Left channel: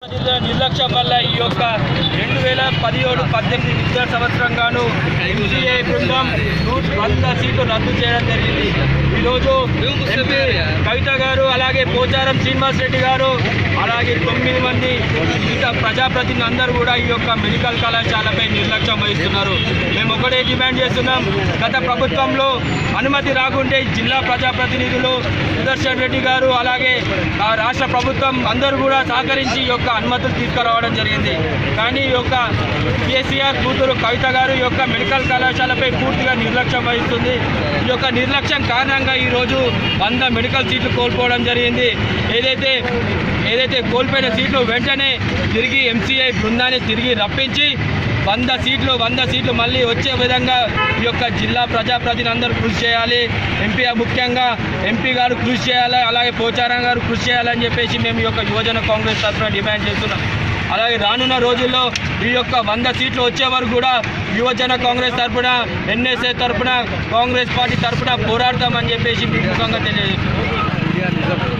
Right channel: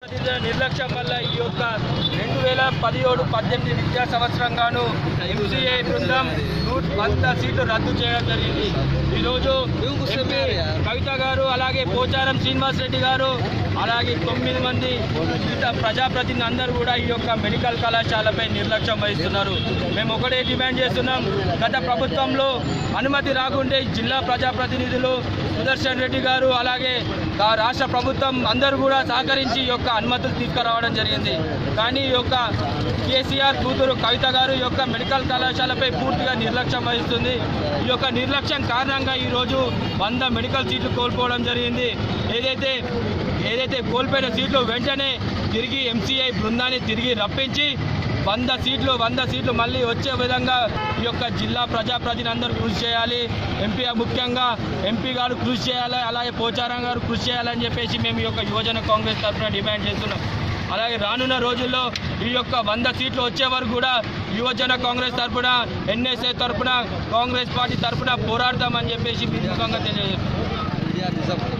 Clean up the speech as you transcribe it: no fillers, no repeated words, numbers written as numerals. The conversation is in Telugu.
నిర్లక్ష్యం వల్ల ఈ యొక్క 2017-18 విద్యా సంవత్సరంగాను ఎంసీఏ బృందం 100 సీట్లు రద్దు చేయడం జరిగింది. ఈరోజు ఎంపీ కవిత గారు, అలాగే పోచారం శ్రీనివాస్ రెడ్డి గారు, అలాగే 9 మంది ఇంకా ప్రజాప్రతినిధులు అందరూ కూడా ఈ యొక్క మెడికల్ కళాశాలపై నిర్లక్ష్యం వహిస్తున్నారు. మేము ఒకటే డిమాండ్ చేస్తున్నాం. గత ప్రభుత్వంలో అనుమతి రాకుంటే జిల్లా ప్రజాప్రతినిధులు సుదర్శన్ రెడ్డి గారు, అలాగే రాష్ట్ర ప్రభుత్వం అందరూ కూడా సహకరించి ఈ యొక్క అనుమతులు తీసుకురావడం జరిగింది. కానీ ఈ యొక్క కేసీఆర్ కూతురు కవిత గారు ఈ యొక్క మెడికల్ కళాశాలపై పూర్తిగా నిర్లక్ష్యం వహిస్తుంది. ఈ యొక్క నిర్లక్ష్యం కారణంగా ఈరోజు 100 మెడికల్ సీట్లు కోల్పోవడం జరిగింది. ఏదైతే కోల్పోయిన సీట్లు వెంటనే తిరిగి ఎంసీఐ బృందాన్ని తిరిగి రప్పించి 100 సీట్లు మళ్ళీ వచ్చే విధంగా ఈ యొక్క జిల్లా ప్రజాప్రతినిధులు అందరూ కృషి చేయాలి. ముఖ్యంగా ఎంపీ గారు కృషి చేయాలి, అలాగే పోచారం గారు కృషి చేయాలని చెప్పేసి మేము ఈ యొక్క యువజన కాంగ్రెస్ తరఫున డిమాండ్ చేస్తున్నాం. అలాగే రానున్న రోజుల్లో ఈ యొక్క 100 సీట్లు వచ్చే వరకు కూడా యువజన కాంగ్రెస్ తరఫున, ఎన్ఎస్ఏ తరఫున, కాంగ్రెస్ పార్టీ తరఫున పోరాడతామని చెప్పేసి మీ ముఖంగా తెలియజేస్తున్నాం.